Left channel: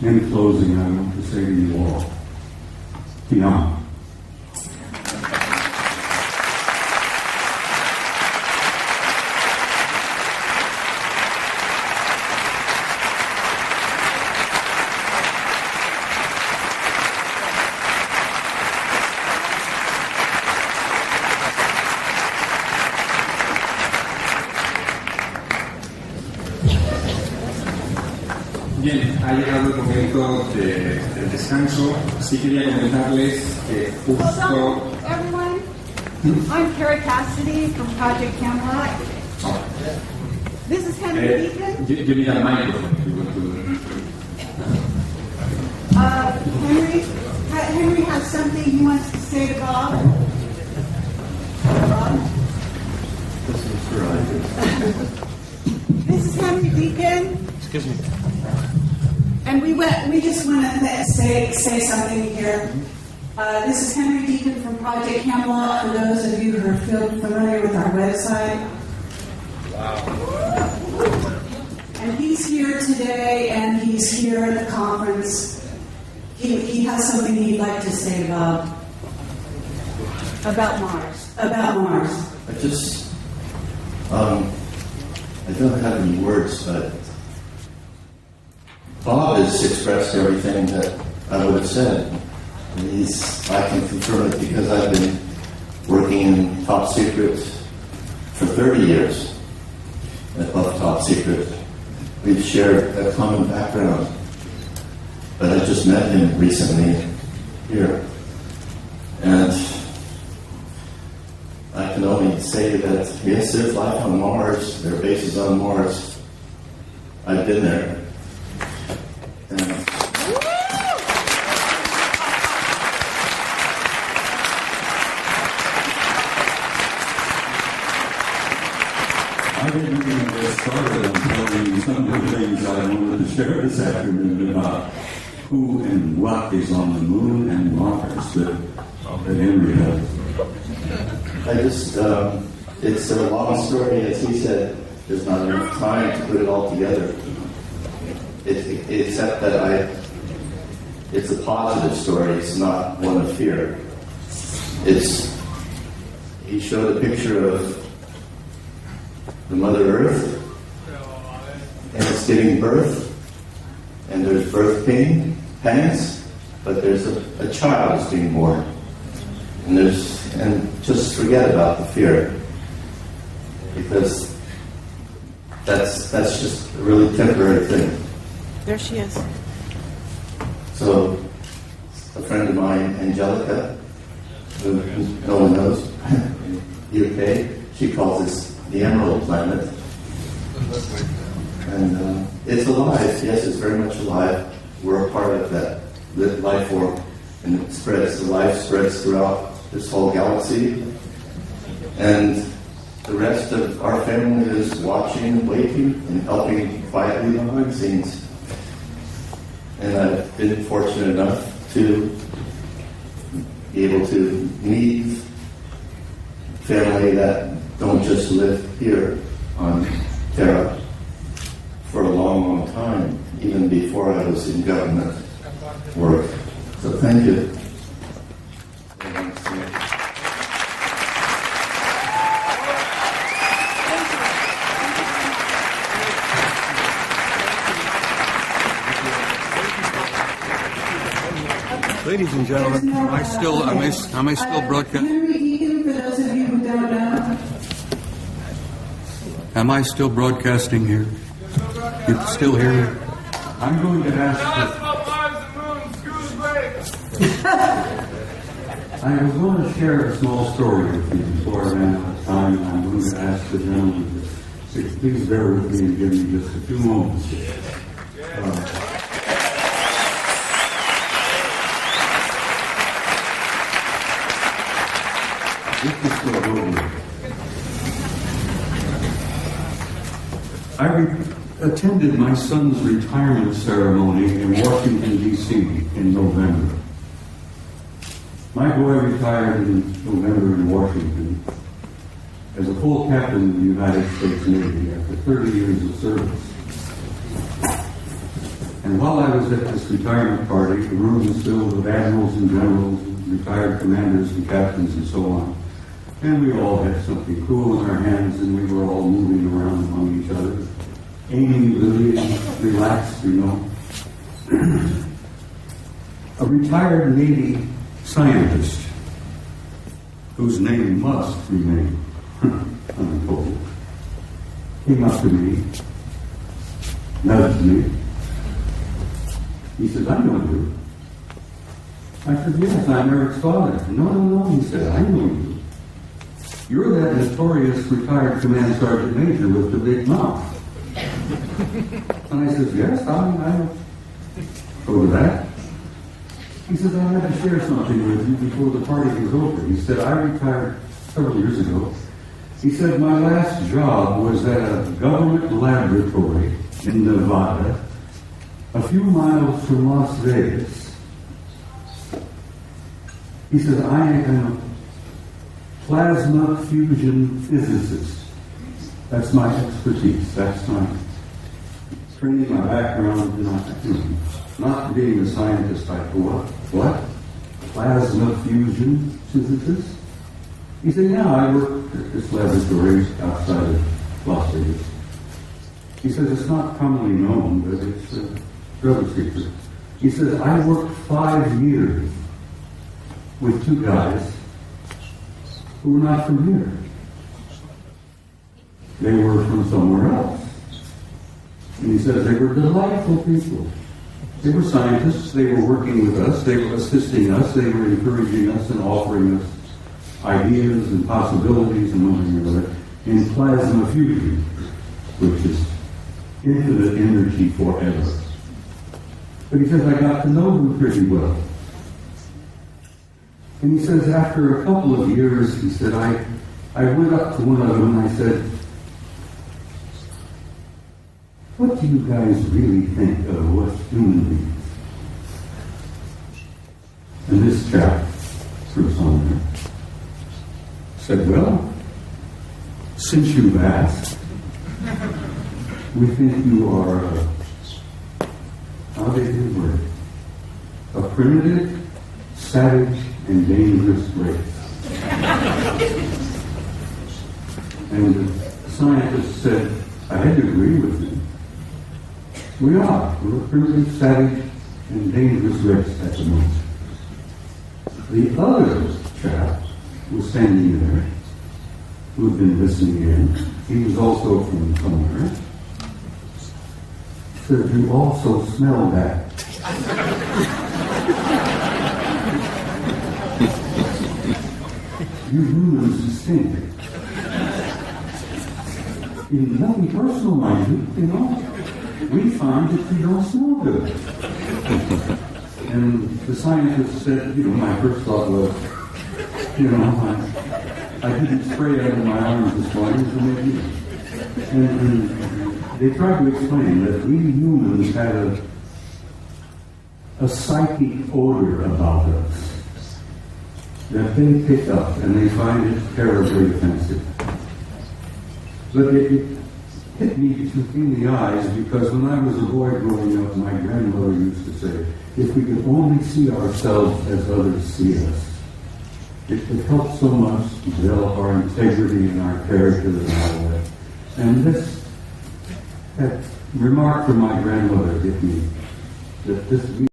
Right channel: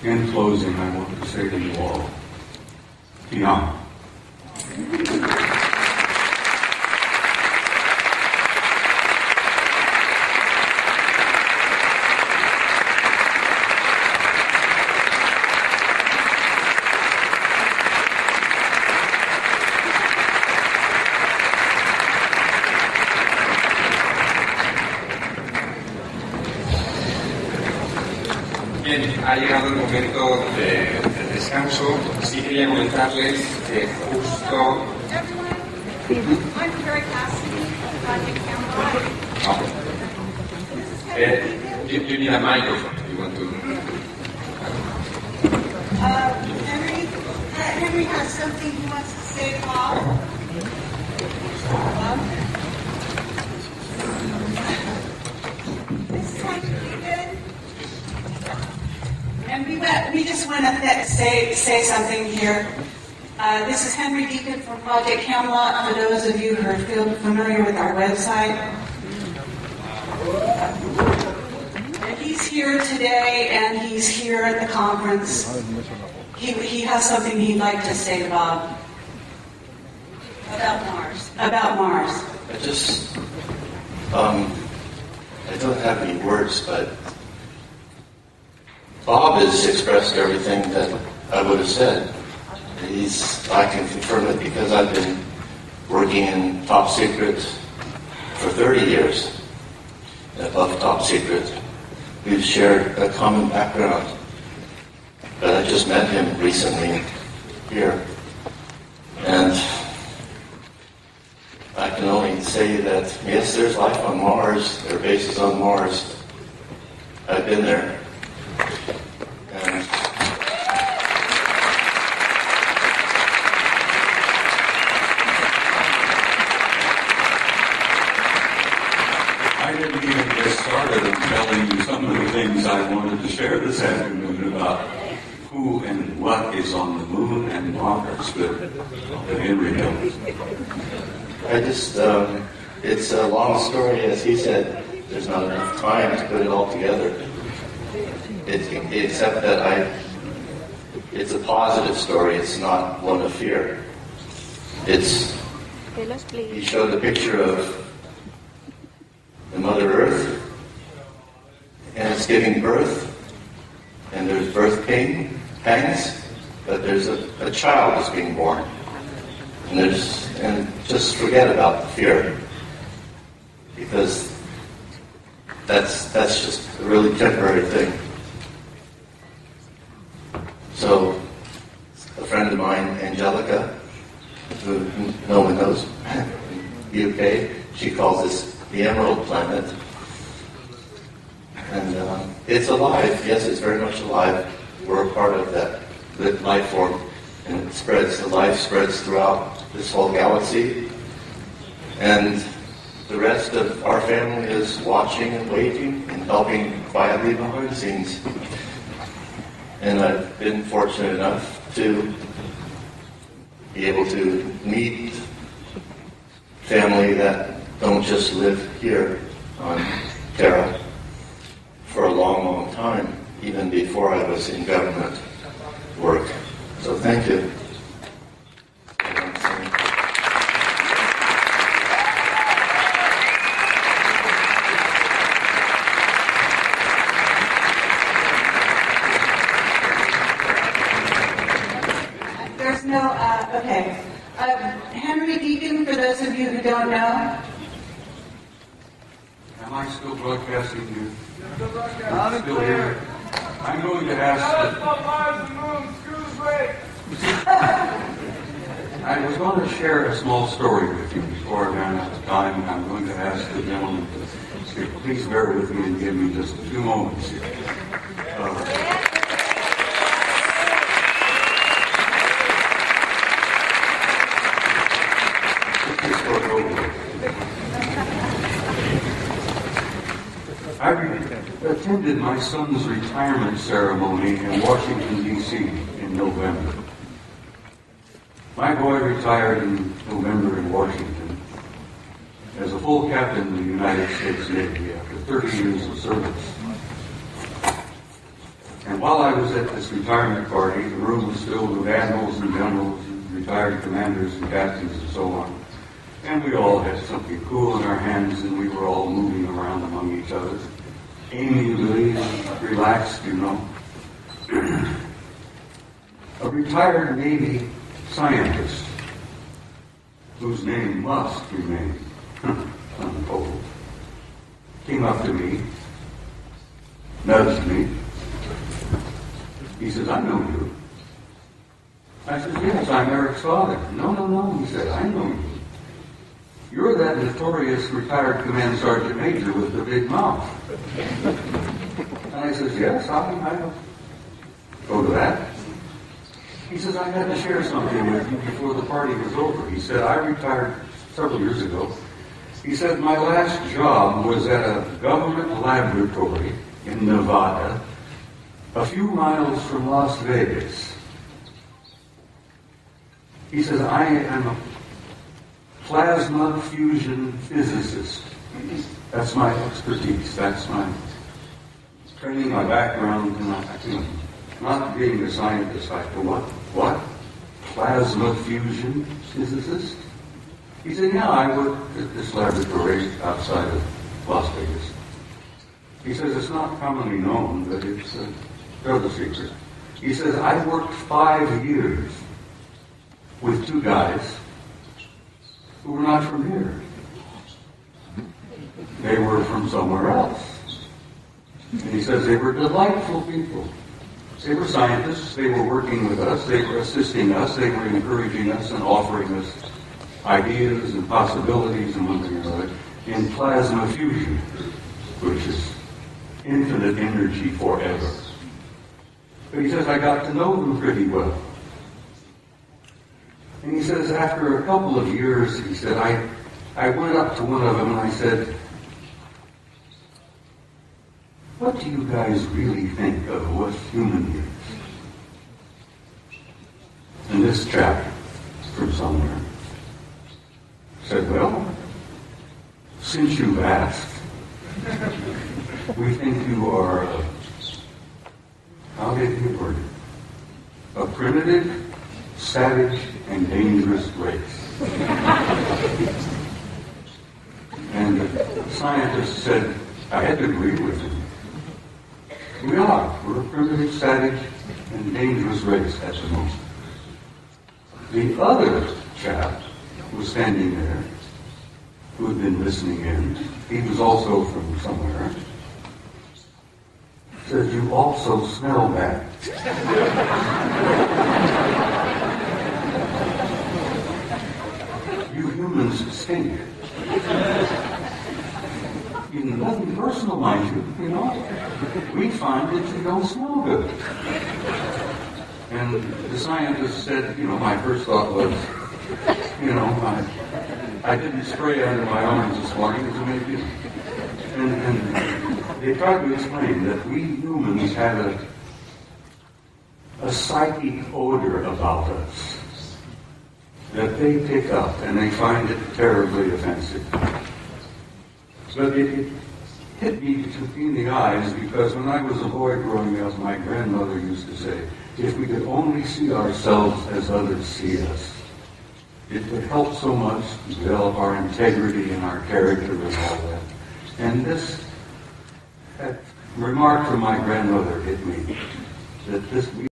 In closing, I want to say to you all, Tiam. Bien, ha llegado el momento del descanso. Sí quería comentarles que justo... I'm Carrie Cassidy from Project Camelot. Oh. This is Henry Deacon. You need a microphone if you want to... Henry has something he wants to say to Bob. This is Henry Deacon. And we just want to say something here. This is Henry Deacon from Project Camelot, for those of you who are familiar with our website. And he's here today, and he's here at the conference. He has something he'd like to say to Bob about Mars. I don't have any words, but Bob has expressed everything that I would have said. I can confirm it because I've been working in top secret for 30 years, and above top secret. We've shared a common background, but I just met him recently here. And I can only say that, yes, there's life on Mars, there are bases on Mars. I've been there. And I didn't even get started on telling you some of the things I wanted to share this afternoon about who and what is on the moon and Mars that Henry knows. It's a long story, as he said. There's not enough time to put it all together. Except that it's a positive story. It's not one of fear. He showed a picture of the Mother Earth, and it's giving birth, and there's birth pangs, but there's a child is being born, and just forget about the fear, because that's just a really temporary thing. There she is. So, a friend of mine, Angelica, who no one knows, UK, she calls this the Emerald Planet. And it's alive. Yes, it's very much alive. We're a part of that life form. And it spreads. The life spreads throughout this whole galaxy. And the rest of our family is watching and waiting and helping quietly behind the scenes. And I've been fortunate enough to be able to meet family that don't just live here on Terra for a long, long time, even before I was in government work. So thank you. Ladies and gentlemen, am I still broadcasting? Henry Deacon, for those of you who don't know. Am I still broadcasting here? You still here? I'm going to ask. I was going to share a small story with you before I ran out of time. I'm going to ask the gentleman to please bear with me and give me just a few moments. Let me start over. I attended my son's retirement ceremony in Washington, D.C. in November. My boy retired in November in Washington as a full captain of the United States Navy after 30 years of service. And while I was at this retirement party, the room was filled with admirals and generals, and retired commanders and captains and so on. And we all had something cool in our hands, and we were all moving around among each other, amiably and relaxed, you know. A retired Navy scientist, whose name must remain untold, came up to me, nudged me. He says, I know you. I said, yes, I'm Eric's father. No, he said, I know you. You're that notorious retired command sergeant major with the big mouth. And I said, yes, I go to that. He says, I had to share something with you before the party was over. He said, I retired several years ago. He said, my last job was at a government laboratory in Nevada, a few miles from Las Vegas. He says, I am a plasma fusion physicist. That's my expertise. That's my training, my background, not being a scientist. I go, what? Plasma fusion physicist? He said, yeah, I work at this laboratory outside of Las Vegas. He says, it's not commonly known, but it's a real secret. He says, I worked 5 years with 2 guys who were not from here. They were from somewhere else. And he says they were delightful people. They were scientists. They were working with us. They were assisting us. They were encouraging us and offering us ideas and possibilities and one thing or another in plasma fusion, which is infinite energy forever. But he says, I got to know them pretty well. And he says, after a couple of years, he said, I went up to one of them and I said, what do you guys really think of us human beings? And this chap, through somewhere, said, well, since you've asked, we think you are how did he word it? A primitive, savage, and dangerous race. And the scientist said, I had to agree with him. We are. We're a primitive, savage, and dangerous race at the moment. The other chap was standing there, who had been listening in. He was also from somewhere. Said, you also smell bad. You humans stink. In nothing personal, mind you know. We find that you don't smell good. And the scientist said, my first thought was, I didn't spray out of my arms this morning because it made you. And they tried to explain that we humans had a psychic odor about us that they pick up and they find it terribly offensive. But it hit me in the eyes because when I was a boy growing up, my grandmother used to say, if we could only see ourselves as others see us, it would help so much to develop our integrity and our character and all that. And this remark from my grandmother hit me, that this